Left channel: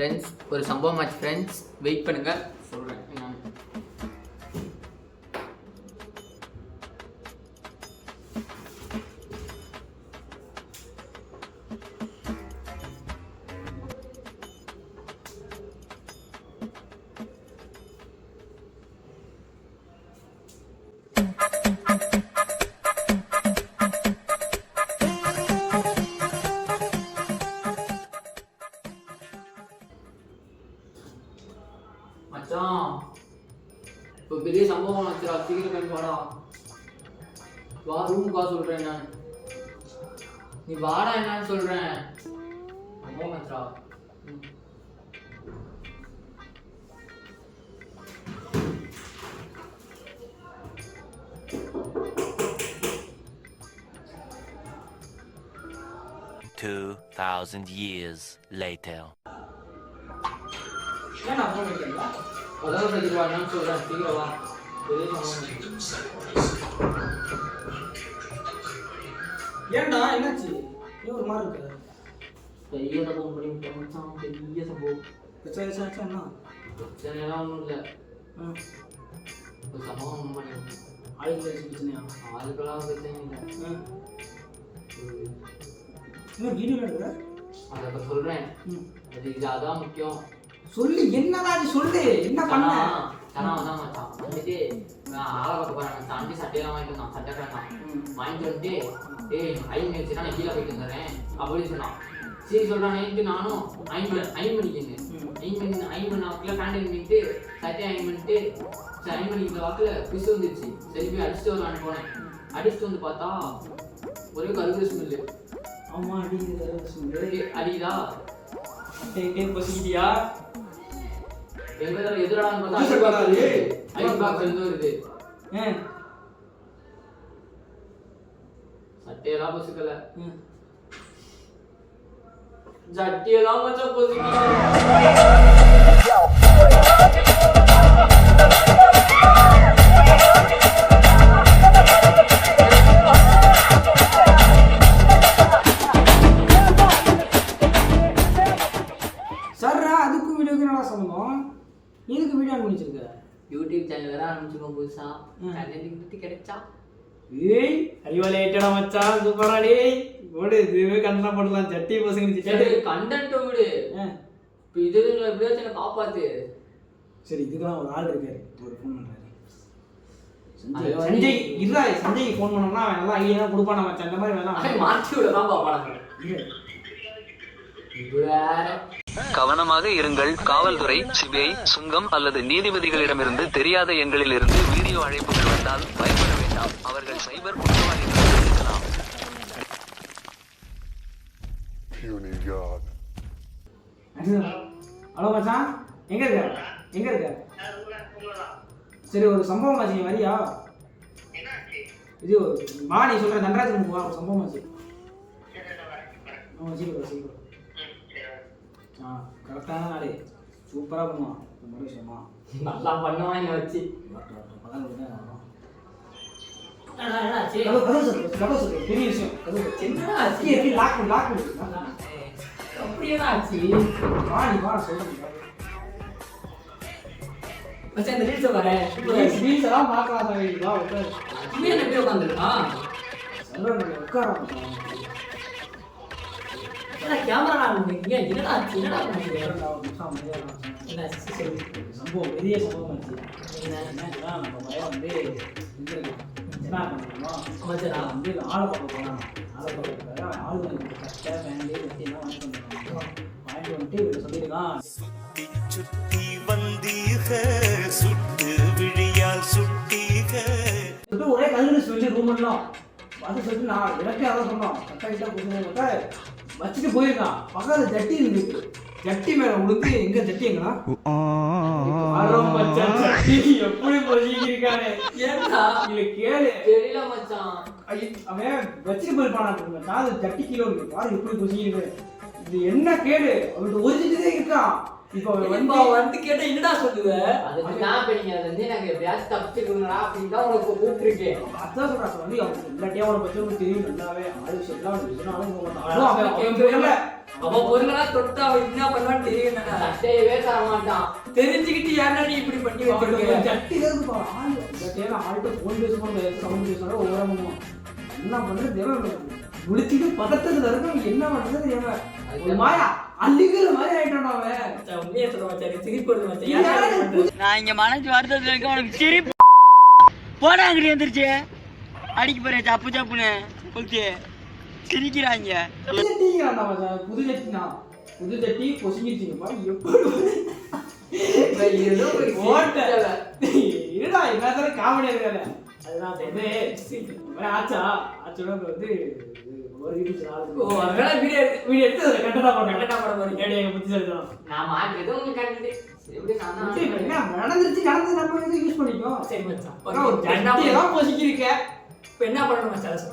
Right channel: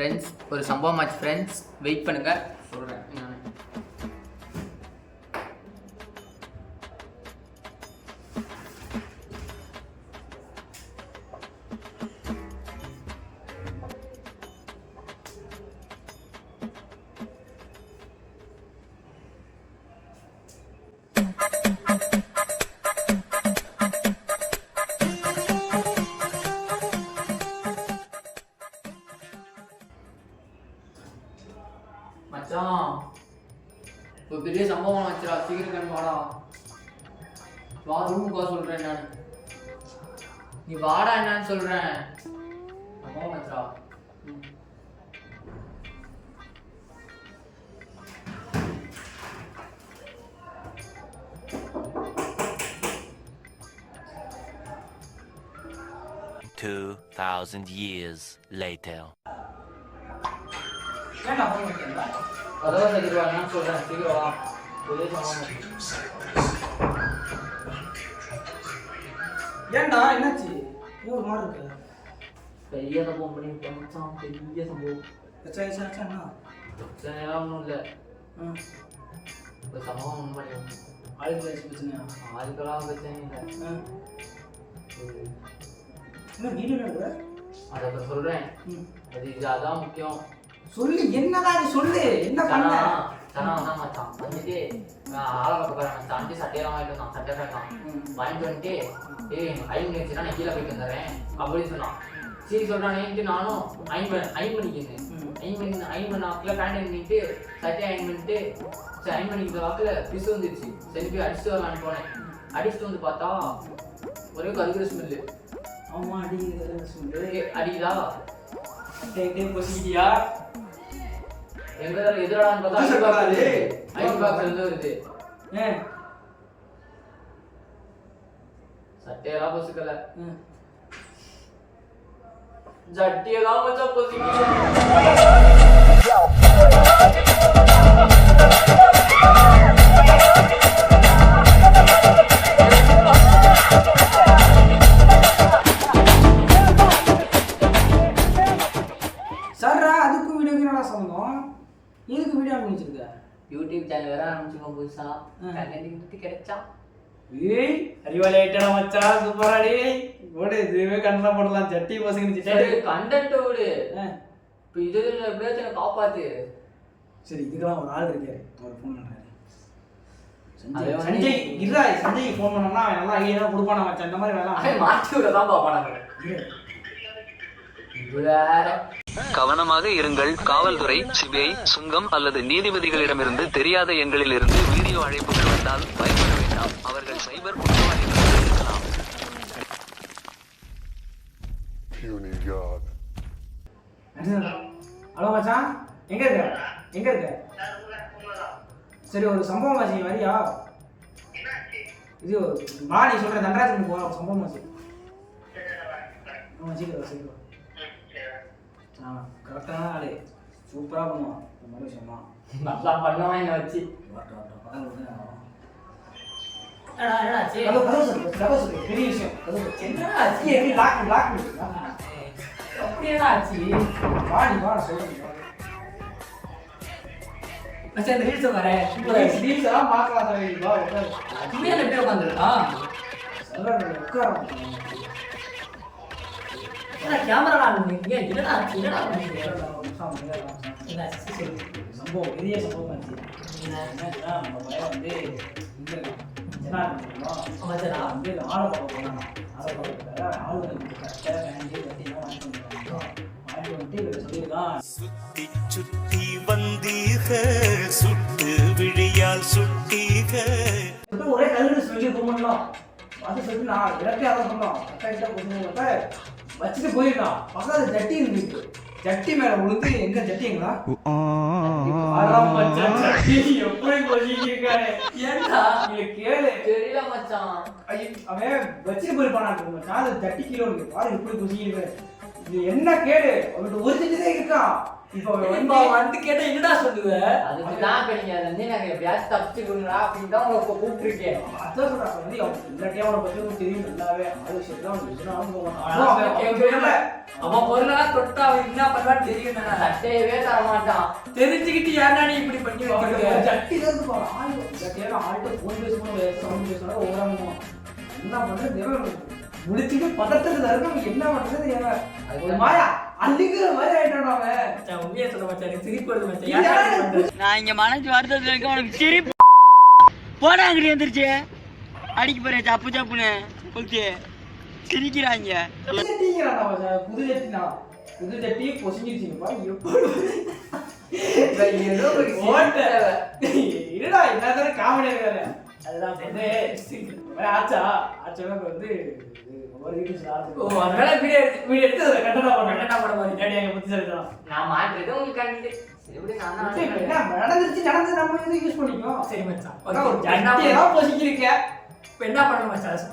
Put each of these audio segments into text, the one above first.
Friends ஒரு சம்பவம் ஆச்சு ஃப்ரெண்ட்ஸ் வெயிட் பண்ணுங்க. சீக்கிரம் கிளம்பி வாடா வா ரூமுக்கு வா சொல்கிறேன் நான் நீ வாடா என்னன்னு சொல்கிறேன் சம்பவம் ஆச்சுடா ம். Two thousand years later. ஏன்டா ஃபோன் வைக்கிறீங்களா அதான் சொல்கிறேன் சீக்கிரம் வா. ஏன்டா என்னாச்சு? ஒரு மாதிரி இருக்கு? பெரிய சம்பவம் பண்ணி மச்சான். பெரிய சம்பவம். பிரச்சனை சாச்சா என்ன பிரச்சனைலாம் ஒன்றும் இல்லை. ஒரு சம்பவம் பண்ணி விட்டேன் ஆளுக்கு ஏதாச்சும் பிரச்சனையா? அதுக்கெல்லாம் பிரச்சனை இல்லை. ம் ஒரு- என்ன வீடியோ எடுக்கிற அதை இப்போ சொல்கிறேன் அது இது அதான் முக்கியம். சொல்லு என்னடா நீ சொல்லு? என்ன பண்ண? தனா வந்தான் மச்சான். வந்துட்டு நான் ஆளை பார்க்க போகிறேன் தாண்டி சட்டையெல்லாம் வாங்கிட்டு வந்தான். சட்டை வேண்டாம். வாங்கிட்டு வந்துட்டு ஏய் ஐன் வச்சுனா நான் கீழே போயிட்டு வந்துடுறேன் அப்படின்னு சொன்னான். சரி சொல்கிறானேன்ட்டு நானும் ஐன் பண்ண ஐன் பண்ணிக்கிங்க ம். ஐன் பண்ணி ஐன் பண்ண வாக்கில் பேண்ட் பண்ணிட்டு சட்டையை ஐன் பண்ணிட்டு சரி ஐன் பண்ணிக்கிற வாக்கில் பிசு வந்துருச்சு. சரி போய் அடிச்சுட்டு வரலான்னு போனேன். அடிச்சுட்டு வந்து பார்த்தா ஒரே கருகிற ஸ்மெல்லு ஆமா அடிக்கிறது சொல்லு அடிக்குதா? எங்கேயும் பொசிக்கிட்டியா? எங்க எதிராடான்னு பார்த்தா ஐஸ் பாக்ஸ் வருது ஐஸ் பாக்ஸ் இருந்து வருது ஏன் சட்டையெல்லாம் பொசுக்கல. ம். ஜட்டியெல்லாம் மச்சான் பொசுக்கல. எதுக்கு வீடியோ வச்சிருக்க யூடியூப் சேனல் வேற ஆரம்பிச்சிருக்கோம் புதுசா. கண்டென்ட் கிடைச்சா? ஏய் அறிவாளி ஐட்டடா மச்சான் சூப்பரா டேய். ஓடு இதுவே கண்ணா போடலாம். சட்டி. பசங்க சிட்டாடி கண்டென்ட் விடு இப்போ இது எப்படியாச்சும் காப்பாத்து. சரி இதுக்கெல்லாம் ஒரு ஆள் இருக்காரு. ஒரு ஃபோன் பண்றாரு. அது சஞ்சய் சஞ்சய் இல்ல சஞ்சய் ஃபோன் பண்ணோம்னா அவன் நல்லா ஐடியா கொடுப்பானா மச்சான். இந்த மாதிரி அவன் மாற்றி விட தான். இது வேற. கவனமாக இருங்கள். காவல்துறை சிபிஐ சுங்கம் அல்லது நீதிபதிகளிடமிருந்து தெரியாத எண்களிலிருந்து வீடியோ அழைப்புகள் வந்தால் பயப்பட வேண்டாம். அவர்கள் சைபர் குற்றவாளிகளாக இருக்கலாம். ஹலோ மச்சான் எங்க இருக்க? எங்க இருக்க? சரி ஒரு சம்பவம் ஆச்சு நீ வரியா? இது வா நீ சொல்ற ஒரு சம்பவம் ஆச்சு. ஆமா சீக்கிரம் கரெக்டான ஆளு. சூப்பரா பண்ணுவான். இந்த மாதிரி விஷயமா நல்லா பண்ணுவான் என்னை வச்சு. பெரிய விஷயம். என்னடா ஆச்சு? இருக்கு, இருக்கு, lock பண்ணு, lock பண்ணு, lock பண்ணு. அப்படி என்ன ஆச்சு வா நீ வா. சொல்றேன் மச்சான் இந்த ரீல்ஸ் வரேன் reels எல்லாம் பார்க்கலாம் எப்படி உட்காந்துருக்கான்? உட்காரு. ஏன்னா கேமரா நான் இங்க என்னடா என்னடா சம்பவம் பெரிய சம்பவம் நம்ம வந்து. என்ன பண்ணுறோம் வந்து ஆளு பார்க்க போனாங்க ஆளு பார்க்க ஆளு வந்து கரெக்டாக என்ன வாங்கிட்டு வந்துருக்காங்க வாங்கிட்டு வந்துட்டு இவர் சொல்லியிருக்கான் சுத்தி சுத்தி வந்தீக சுட்டு விழியால் சுட்டீக ஒரே கல்லு ஸ்மெல்லி ரூமெல்லாம் அது சொல்லி நான் அதான் சொன்னோம் கரெக்டாக வச்சுட்டு போயிருக்கான். பக்கத்துல ஜட்டி இருந்துச்சு. ஜட்டி மேல விழுந்து எங்க ஜட்டி எங்களா அதான் மச்சான், ஜட்டி. எப்படி பொசிக்கிருக்காரு ஏன்டா நீங்க கேளு. தெரியல மச்சான். ஐயோ, அவன் வச்சுட்டு போயிருப்பானா மச்சான் அது ஜட்டி பாரு எப்படி பொசிக்கிருக்கு இது என்ன கேடு? அவன்கிட்ட ஒரு செடி தான் இருக்கான். இப்போ வந்து வந்து கேட்டா என்னடா சொல்லுவ? அதுக்கு தான் இப்போ வந்து எனக்கு எப்படியாச்சும் தப்பிச்சுக்கணுங்களா அப்படின்னு தான் உங்களுக்கு கூப்பிட்டுருக்கேன். அதான் சொல்றான் வந்து அவன் எல்லாத்தையும் அவனை பத்தி தெரியும் நல்லாவே. ஆள் விஷயத்துல அவன் அவன் பொருளெல்லாம் தொட்டா அவன் என்ன பண்ணுவான்னு தெரியும் சட்டையவே தர மாட்டான் தெரிஞ்சுக்கிட்டு ஏன்டா நீ இப்படி பண்ணி வச்சிருக்க? ஜட்டில இருந்து ஆள் ஆள்கிட்ட பேசும்போது ஒவ்வொரு ஆளுமும். என்ன பண்றது பதட்டத்துல இருக்க அவன் என்ன பண்றது தெரியல. ஒரு மாயா. அள்ளிக்கிற மாதிரி ஆயிட்டான் அவன். மச்சான், உண்மையை சொல்ல மச்சான் எனக்கு சிரிப்பு வருது மச்சான். இது ஏன்டா யாரு? இப்படி பண்ற? நான் இங்க மனசு வருத்தத்துல இருக்க உனக்கு சிரிப்பு. போடா அங்கிட்டு வந்துருச்சு அடிக்க போறேன் சப்பு சப்புன்னு. ஓகே சிரிக்கிறாங்க புது. புது பொசுங்கிச்சிங்கப்பா எப்படி ஏதோ ஒரு. இருடா வேலை அதுதான் ஆச்சா ஆச்சோட வந்து ஒரு வீட்டு ஓ அதனால வீடியோ வீடியோ எடுத்து எடுத்து கட்டடா போடுறேன் கட்டடா போட போறீங்க டேடி எங்க புத்தி சொல்லிட்டான் நான் மாற்றிட்டு உங்களுக்கு கண்டிது சரி, நடந்துருச்சு நடந்து நம்ம வந்து யூஸ் பண்ணிக்கோ? சரி மச்சான். அதான் ஒரு ஜட்டி தான் பொசுக்கிருக்க. இப்ப என்ன பண்ணணும் மச்சான்? அதை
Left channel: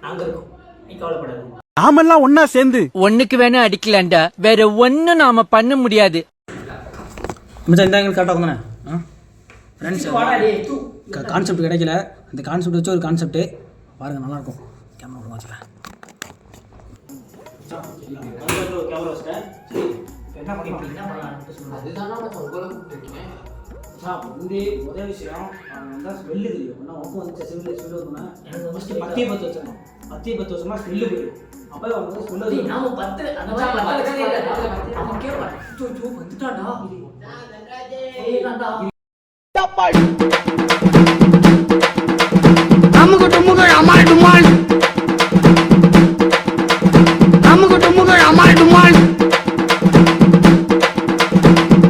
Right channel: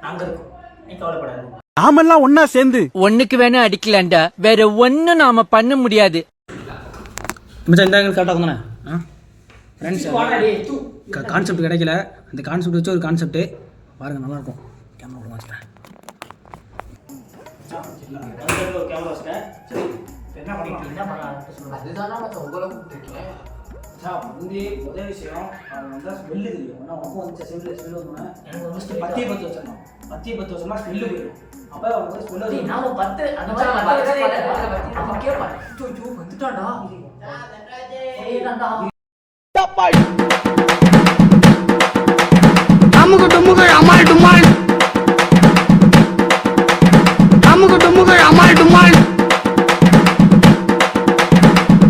தான் நாங்க இருக்கோம். நீ கவலைப்படாது. நாமெல்லாம் ஒன்னா சேர்ந்து. ஒண்ணுக்கு வேணா அடிக்கலான்டா வேற ஒண்ணும் நாம பண்ண முடியாது. மச்சான் இந்த ஆங்கிள் கரெக்டாக வந்தானே. ஆ? ஃப்ரெண்ட்ஸ் கான்செப்ட் கிடைக்கல. அந்த கான்செப்ட் வச்சு ஒரு கான்செப்ட் பாருங்க நல்லா இருக்கும் கேமரா கூட வச்சுக்கிறேன் என்ன பண்ணிட்டு சொல்லுங்க. அதுதான் நான் உங்களை கூப்பிட்டுருக்கேன் மச்சான் வந்து முதல் விஷயம் அவன் வந்து ஸ்மெல்லு தெரியும் ஆனால் உனக்கு வந்து ஸ்மெல்லு ஸ்மெல்லு வந்தோன்னே எனக்கு வந்து ஃபஸ்ட்டு பத்தி பத்து வருஷம் பத்தி பத்து வருஷமா ஸ்மெல்லு போயிடும் அப்போ அவனுக்கு வந்து ஸ்மெல்லு டேய், நாம பத்து அந்த மாதிரி மச்சான், பத்து பத்து கதை இல்ல. பத்து பத்து அவன் கேட்பான். ஐயோ, ஐயோ, வந்துட்டான்டா. வந்துட்டான்டா. அமுக டுமுக அமால் டுமால்